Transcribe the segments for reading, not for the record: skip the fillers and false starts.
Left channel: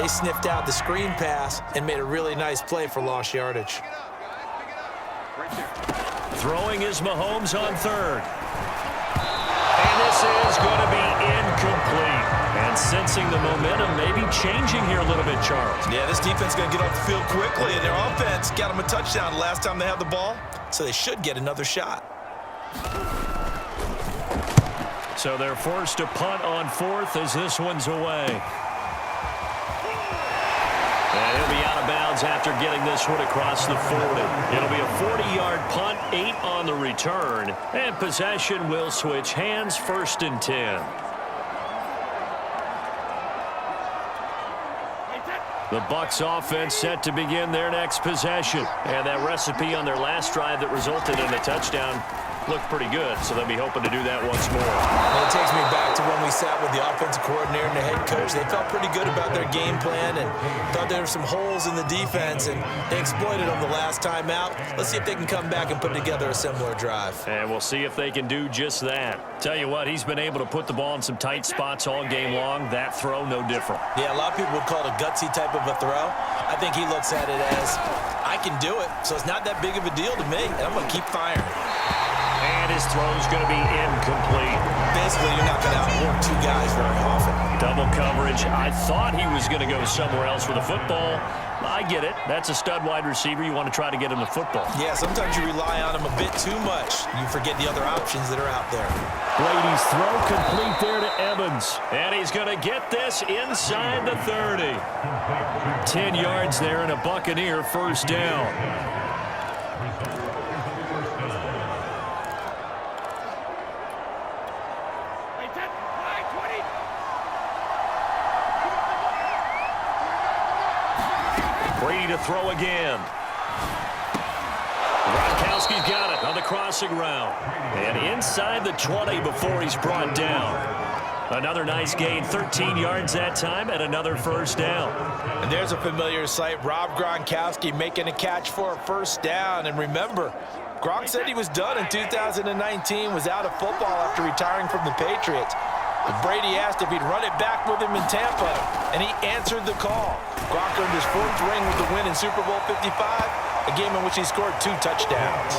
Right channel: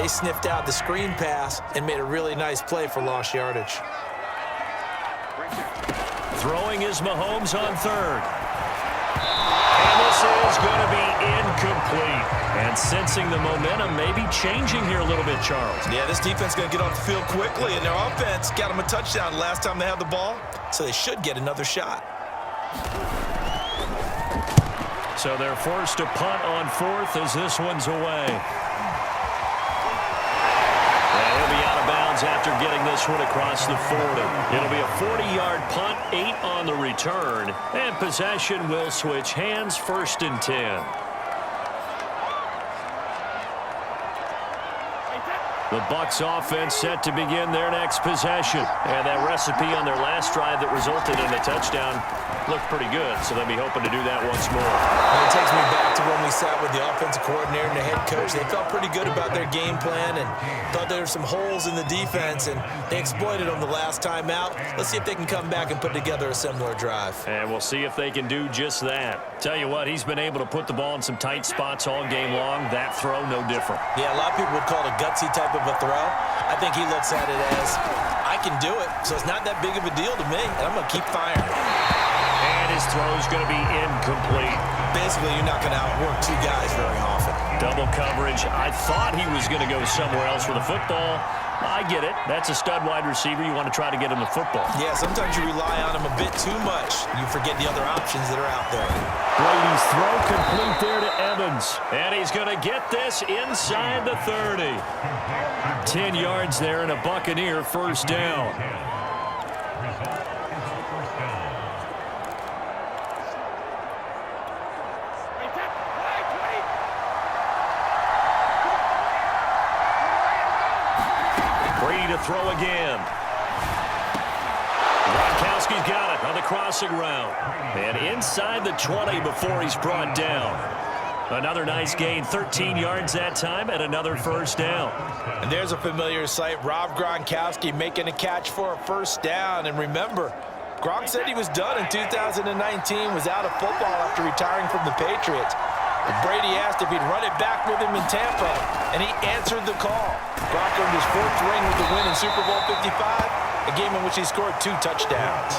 They sniffed out the screen pass and made a really nice play for lost yardage. Throwing is Mahomes on third. And this is going to be incomplete. And sensing the momentum maybe changing here a little bit, Charles. Yeah, this defense is going to get off the field quickly, and their offense got them a touchdown last time they had the ball, so they should get another shot. So they're forced to punt on fourth as this one's away. And he'll be out of bounds after getting this one across the 40. It'll be a 40-yard punt, 8 on the return, and possession will switch hands, 1st and 10. The Bucs offense set to begin their next possession. And that recipe on their last drive that resulted in a touchdown looked pretty good, so they'll be hoping to do that once more. And it takes me back to when we sat with the offensive coordinator and the head coach. They felt pretty good about their game plan and thought there were some holes in the defense, and they exploited them the last time out. Let's see if they can come back and put together a similar drive. And we'll see if they can do just that. Tell you what, he's been able to put the ball in some tight spots all game long. That throw, no different. Yeah, a lot of people would call it a gutsy type of a throw. I think he looks at it as, I can do it, so it's not that big of a deal to me, and I'm going to keep firing. And his throw's going to be incomplete. Basically, you're not going to outwork two guys very often. Double coverage. I thought he was going to go somewhere else with the football. I get it. That's a stud wide receiver. You want to try to get him the football. Yeah, sometimes you rely on him a bit too much. You forget the other options that are out there. Brady's throw complete there to Evans. And he's going to get this inside the 30. 10 yards there and a Buccaneer 1st down. Brady to throw again. Gronkowski's got it on the crossing route. And inside the 20 before he's brought down. Another nice gain, 13 yards that time, and another 1st down. And there's a familiar sight. Rob Gronkowski making a catch for a 1st down. And remember, Gronk said he was done in 2019, was out of football after retiring from the Patriots. But Brady asked if he'd run it back with him in Tampa, and he answered the call. Gronk earned his 4th ring with the win in Super Bowl 55, a game in which he scored 2 touchdowns.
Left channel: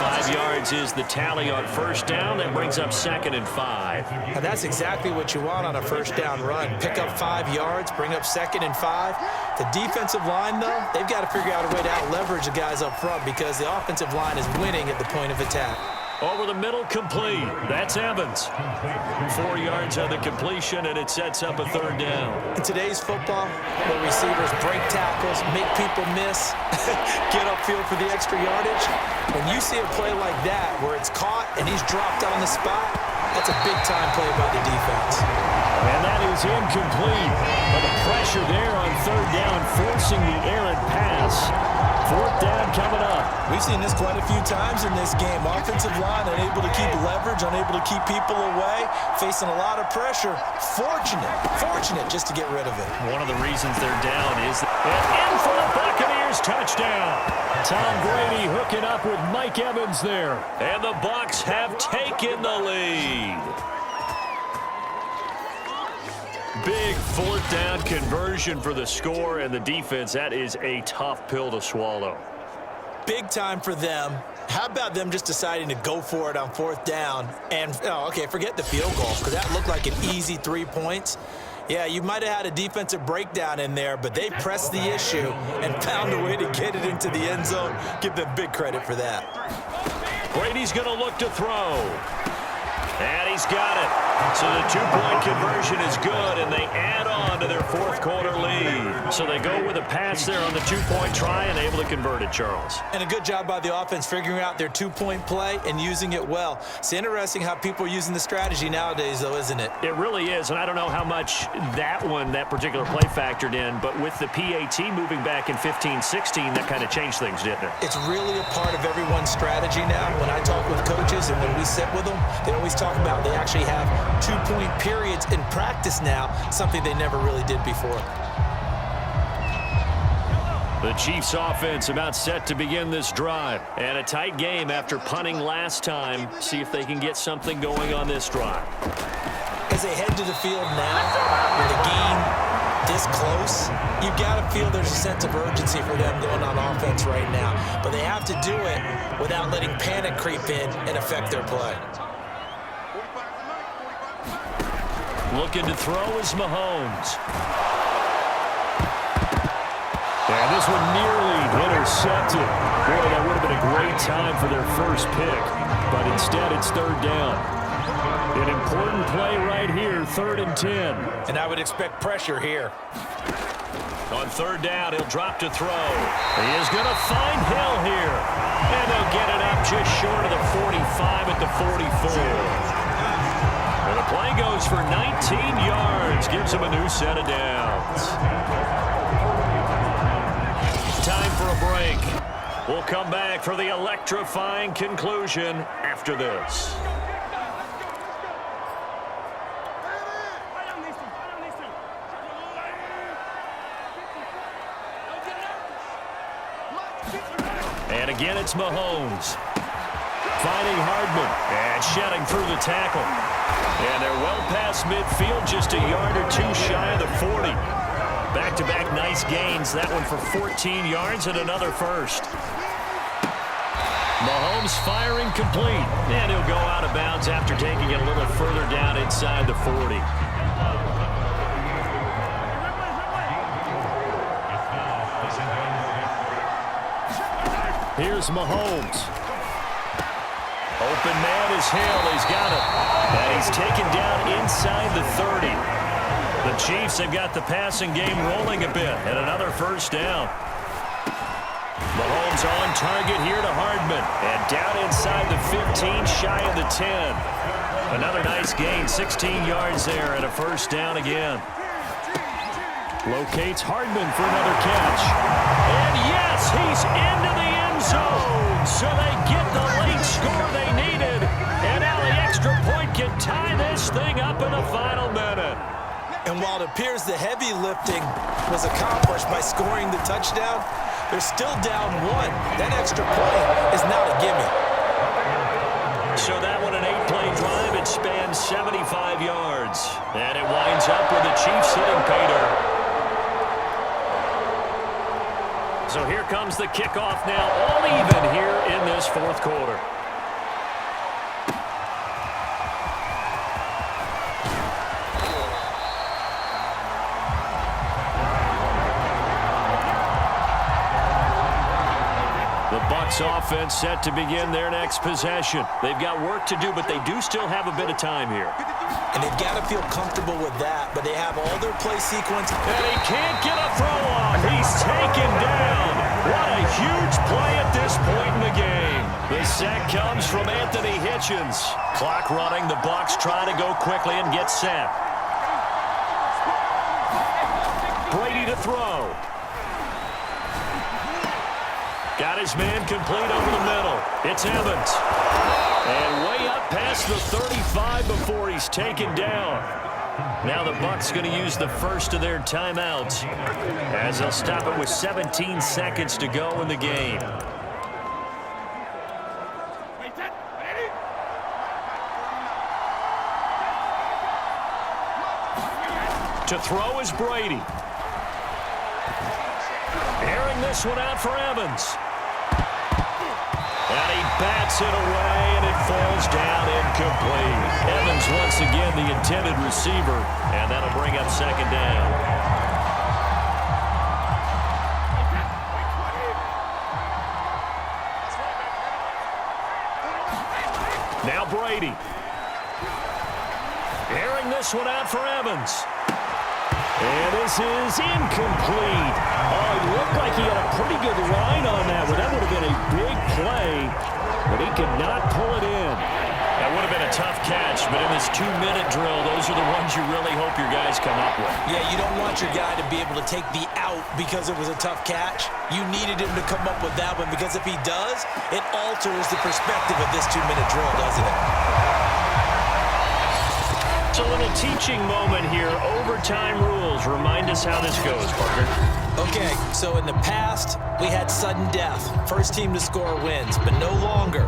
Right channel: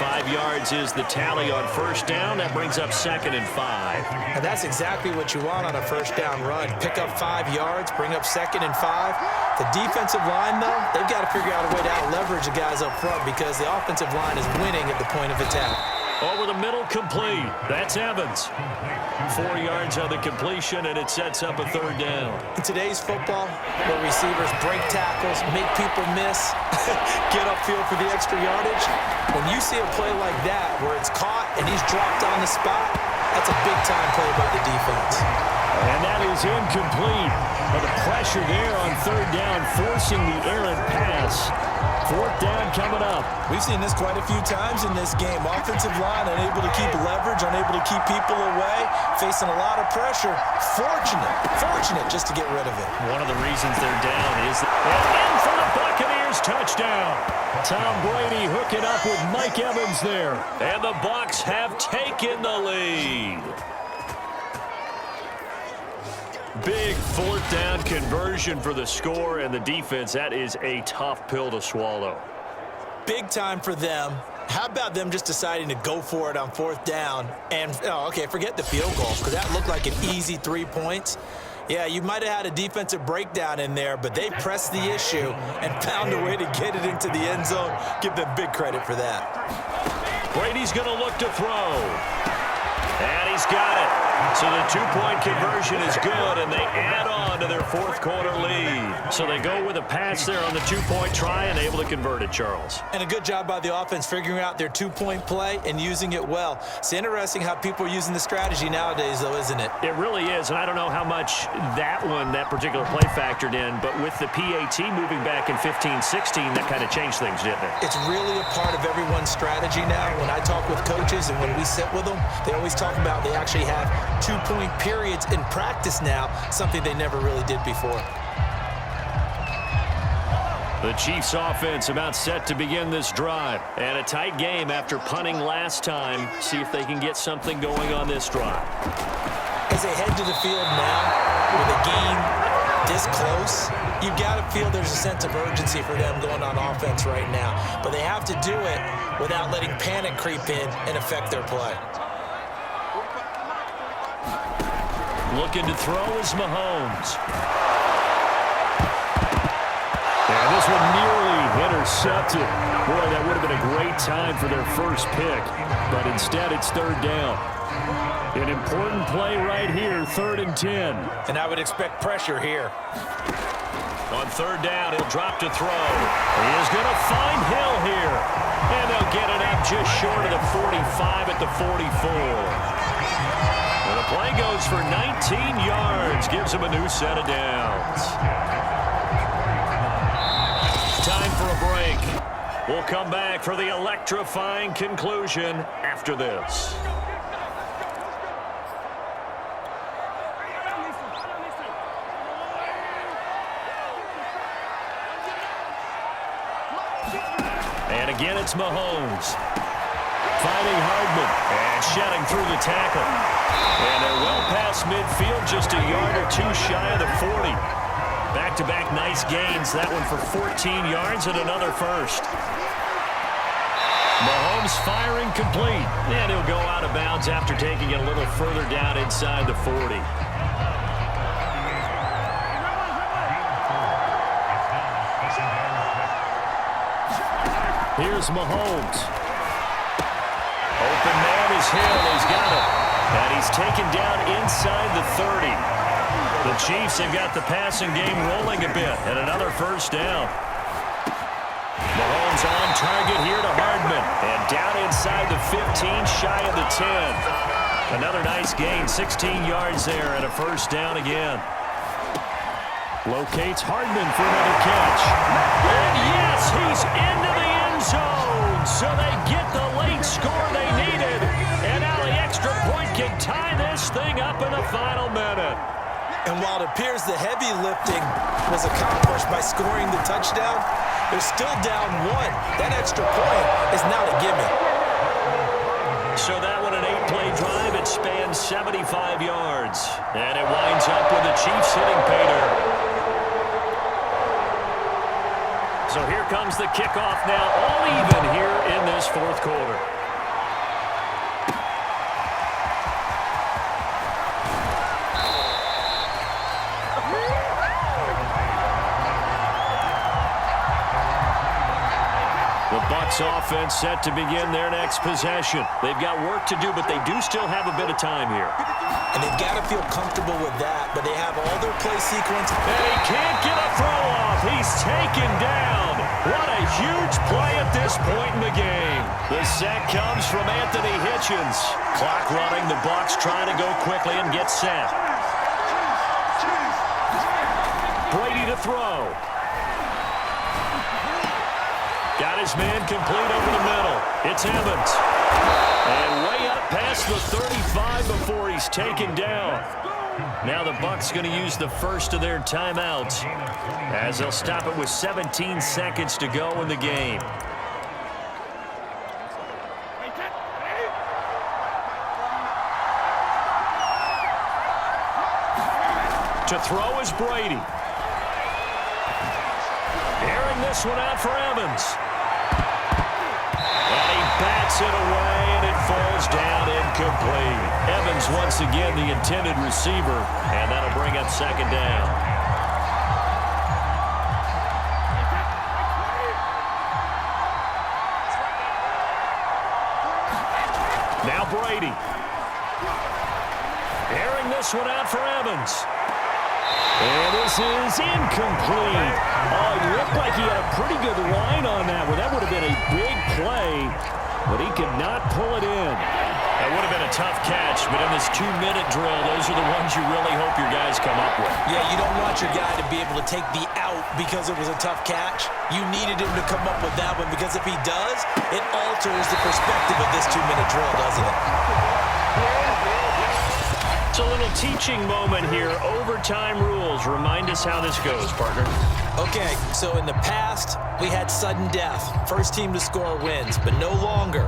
5 yards is the tally on 1st down. That brings up 2nd and 5. And that's exactly what you want on a 1st down run. Pick up 5 yards, bring up 2nd and 5. The defensive line, though, they've got to figure out a way to out-leverage the guys up front because the offensive line is winning at the point of attack. Over the middle, complete. That's Evans. 4 yards on the completion, and it sets up a 3rd down. In today's football, where receivers break tackles, make people miss, get upfield for the extra yardage, when you see a play like that where it's caught and he's dropped on the spot, that's a big-time play by the defense. And that is incomplete. But the pressure there on 3rd down, forcing the errant pass. 4th down coming up. We've seen this quite a few times in this game. Offensive line unable to keep leverage, unable to keep people away, facing a lot of pressure. Fortunate just to get rid of it. One of the reasons they're down is in for the Buccaneers touchdown. Tom Brady hooking up with Mike Evans there. And the Bucs have taken the lead. Big 4th down conversion for the score, and the defense, that is a tough pill to swallow. Big time for them. How about them just deciding to go for it on 4th down? And, forget the field goal, because that looked like an easy 3 points. Yeah, you might have had a defensive breakdown in there, but they pressed the issue and found a way to get it into the end zone. Give them big credit for that. Brady's going to look to throw. And he's got it. So the 2-point conversion is good, and they add on to their 4th quarter lead. So they go with a pass there on the 2-point try and able to convert it, Charles. And a good job by the offense figuring out their 2-point play and using it well. It's interesting how people are using the strategy nowadays, though, isn't it? It really is, and I don't know how much that particular play factored in, but with the PAT moving back in 15-16, that kind of changed things, didn't it? It's really a part of everyone's strategy now. When I talk with coaches and when we sit with them, they always talk about they actually have 2-point periods in practice now, something they never really did before. The Chiefs offense about set to begin this drive. And a tight game after punting last time. See if they can get something going on this drive. As they head to the field now with a gain this close, you've got to feel there's a sense of urgency for them going on offense right now. But they have to do it without letting panic creep in and affect their play. Looking to throw is Mahomes. And this one nearly intercepted. Boy, that would have been a great time for their first pick. But instead, it's third down. An important play right here, 3rd and 10. And I would expect pressure here. On third down, he'll drop to throw. He is going to find Hill here. And they'll get it up just short of the 45 at the 44. And the play goes for 19 yards. Gives him a new set of downs. Time for a break. We'll come back for the electrifying conclusion after this. And again, it's Mahomes. Finding Hardman and shedding through the tackle. And they're well past midfield, just a yard or two shy of the 40. Back-to-back nice gains. That one for 14 yards and another first. Mahomes firing complete. And he'll go out of bounds after taking it a little further down inside the 40. Here's Mahomes. Open man is Hill. He's got it. And he's taken down inside the 30. The Chiefs have got the passing game rolling a bit. And another first down. Mahomes on target here to Hardman. And down inside the 15, shy of the 10. Another nice gain, 16 yards there and a first down again. Locates Hardman for another catch. And yes, he's into the end zone. So they get the late score they needed. And now the extra point can tie this thing up in the final minute. And while it appears the heavy lifting was accomplished by scoring the touchdown, they're still down one. That extra point is not a gimme. So that one, an 8-play drive. It spans 75 yards. And it winds up with the Chiefs hitting pay dirt. So here comes the kickoff now, all even here in this fourth quarter. The Bucs offense set to begin their next possession. They've got work to do, but they do still have a bit of time here. And they've got to feel comfortable with that, but they have all their play sequence. And he can't get a throw off. He's taken down. What a huge play at this point in the game. The sack comes from Anthony Hitchens. Clock running. The Bucs trying to go quickly and get set. Brady to throw. Got his man complete over the middle. It's Evans. And way up past the 35 before he's taken down. Now the Bucs going to use the first of their timeouts as they'll stop it with 17 seconds to go in the game. To throw is Brady. Airing this one out for Evans. And he bats it away, and it falls down incomplete. Evans once again the intended receiver, and that'll bring up second down. Now Brady. Airing this one out for Evans. And this is incomplete. Oh, it looked like he had a pretty good line on that one. That would have been a big play, but he could not pull it in. That would have been a tough catch, but in this 2-minute drill, those are the ones you really hope your guys come up with. Yeah, you don't want your guy to be able to take the out because it was a tough catch. You needed him to come up with that one because if he does, it alters the perspective of this 2-minute drill, doesn't it? It's a little teaching moment here. Overtime rules. Remind us how this goes, partner. Okay, so in the past, we had sudden death. First team to score wins, but no longer.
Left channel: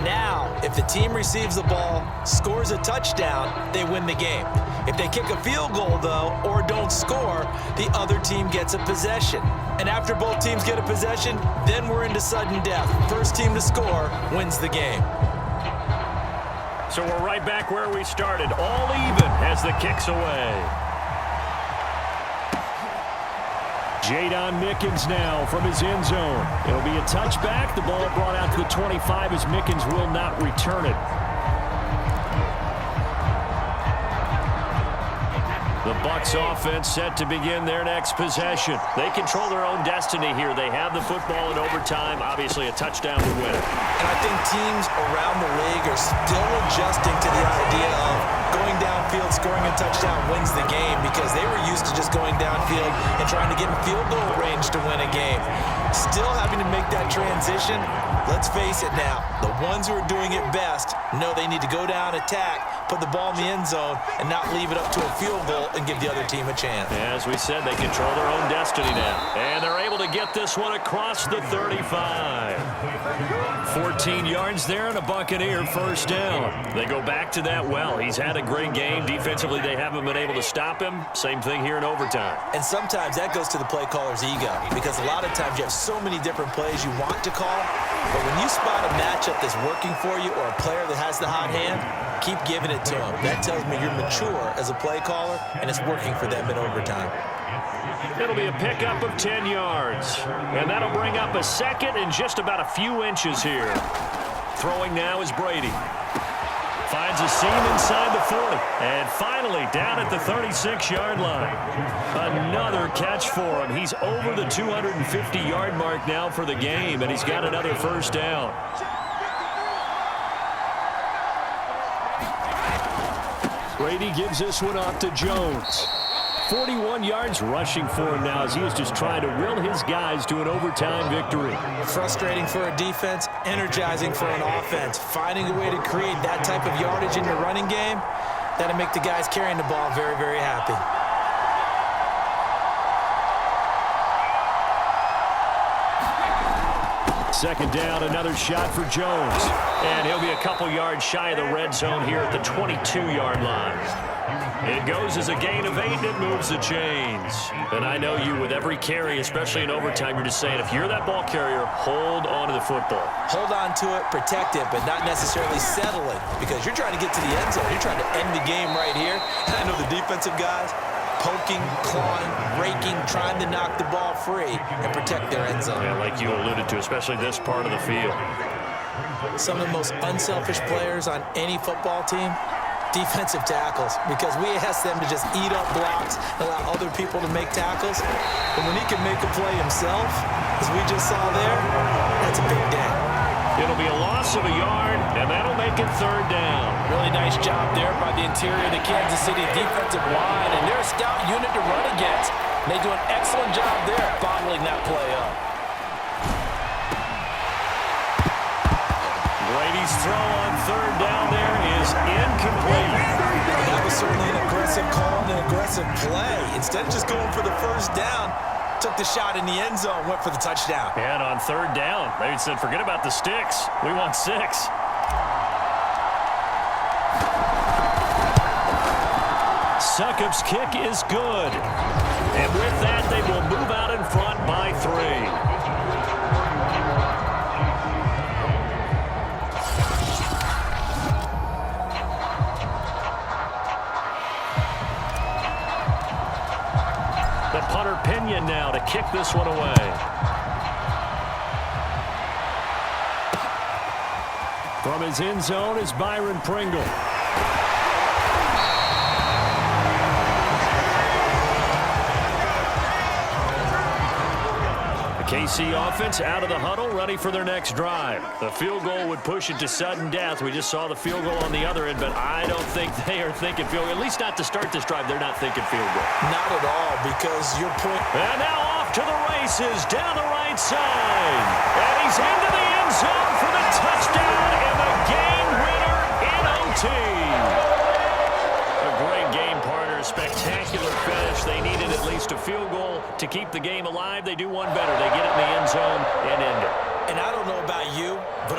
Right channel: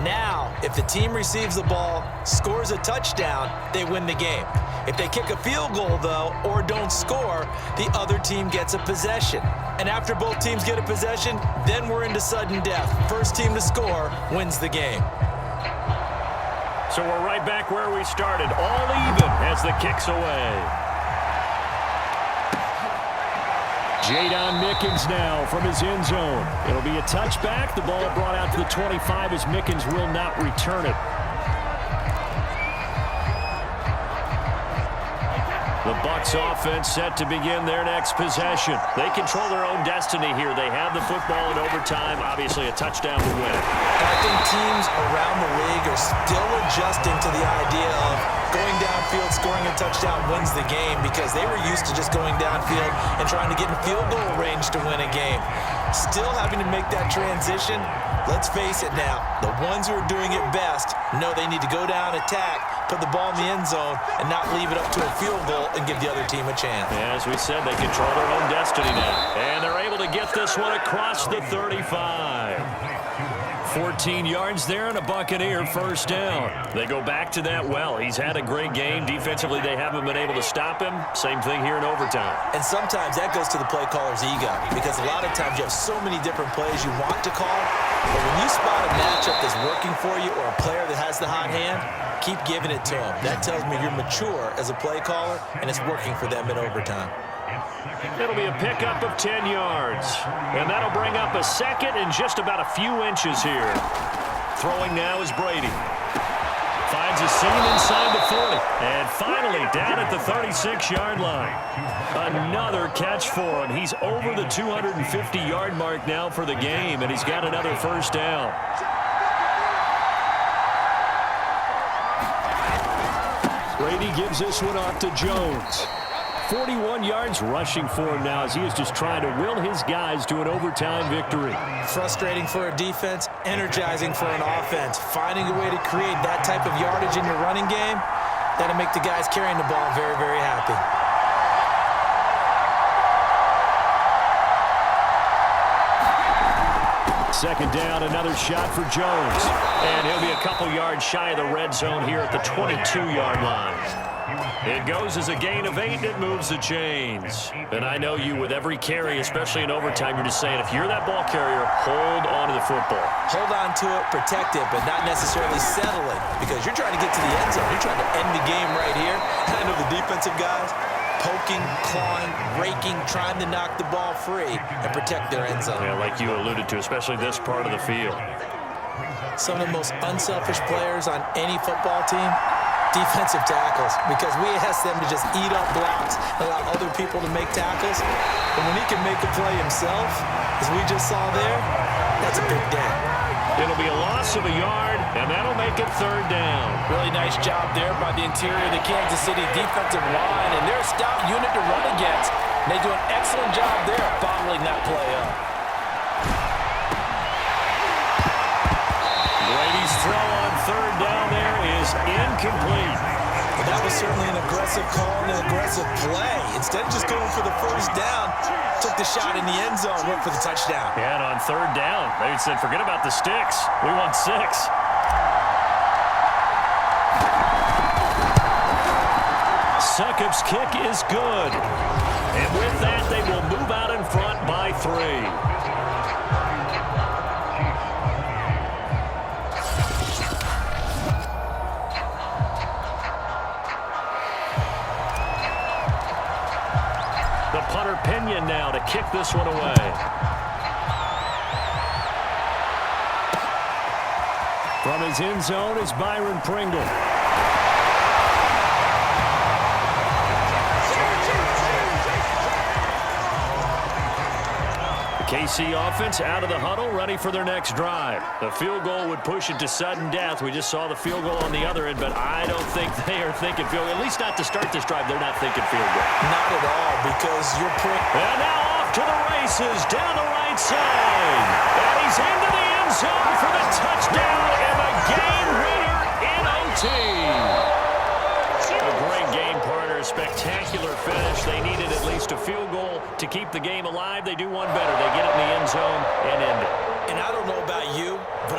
Now, if the team receives the ball, scores a touchdown, they win the game. If they kick a field goal, though, or don't score, the other team gets a possession. And after both teams get a possession, then we're into sudden death. First team to score wins the game. So we're right back where we started, all even as the kick's away. Jadon Mickens now from his end zone. It'll be a touchback. The ball brought out to the 25 as Mickens will not return it. The Bucs offense set to begin their next possession. They control their own destiny here. They have the football in overtime. Obviously, a touchdown would win it. And I think teams around the league are still adjusting to the idea of going downfield, scoring a touchdown wins the game, because they were used to just going downfield and trying to get in field goal range to win a game. Still having to make that transition. Let's face it now, the ones who are doing it best know they need to go down, attack, put the ball in the end zone, and not leave it up to a field goal and give the other team a chance. As we said, they control their own destiny now. And they're able to get this one across the 35. 14 yards there and a Buccaneer first down. They go back to that well. He's had a great game. Defensively, they haven't been able to stop him. Same thing here in overtime. And sometimes that goes to the play caller's ego, because a lot of times you have so many different plays you want to call, but when you spot a matchup that's working for you or a player that has the hot hand, keep giving it to him. That tells me you're mature as a play caller, and it's working for them in overtime. It'll be a pickup of 10 yards. And that'll bring up a second and just about a few inches here. Throwing now is Brady. Finds a seam inside the 40. And finally down at the 36-yard line. Another catch for him. He's over the 250-yard mark now for the game, and he's got another first down. Brady gives this one off to Jones. 41 yards rushing for him now as he is just trying to will his guys to an overtime victory. Frustrating for a defense, energizing for an offense. Finding a way to create that type of yardage in your running game, that'll make the guys carrying the ball very, very happy. Second down, another shot for Jones. And he'll be a couple yards shy of the red zone here at the 22-yard line. It goes as a gain of 8, and it moves the chains. And I know you, with every carry, especially in overtime, you're just saying, if you're that ball carrier, hold on to the football. Hold on to it, protect it, but not necessarily settling, because you're trying to get to the end zone. You're trying to end the game right here. And I know the defensive guys, poking, clawing, raking, trying to knock the ball free and protect their end zone. Yeah, like you alluded to, especially this part of the field. Some of the most unselfish players on any football team, defensive tackles, because we ask them to just eat up blocks, allow other people to make tackles. And when he can make a play himself, as we just saw there, that's a big day. It'll be a loss of a yard, and that'll make it third down. Really nice job there by the interior of the Kansas City defensive line, and they're a stout unit to run against. And they do an excellent job there of bottling that play up. Brady's throw on third down there is incomplete. But that was certainly an aggressive call and an aggressive play. Instead of just going for the first down, took the shot in the end zone, went for the touchdown. And on third down, they said, forget about the sticks. We want 6. Succop's kick is good. And with that, they will move out in front by 3. The punter Pinion now to kick this one away. From his end zone is Byron Pringle. The KC offense out of the huddle, ready for their next drive. The field goal would push it to sudden death. We just saw the field goal on the other end, but I don't think they are thinking field goal. At least not to start this drive, they're not thinking field goal. Not at all, because your point... And now off to the races down the right side. And he's into the end zone for the touchdown and the game winner in OT. A great spectacular finish. They needed at least a field goal to keep the game alive. They do one better. They get it in the end zone and end it. And I don't know about you, but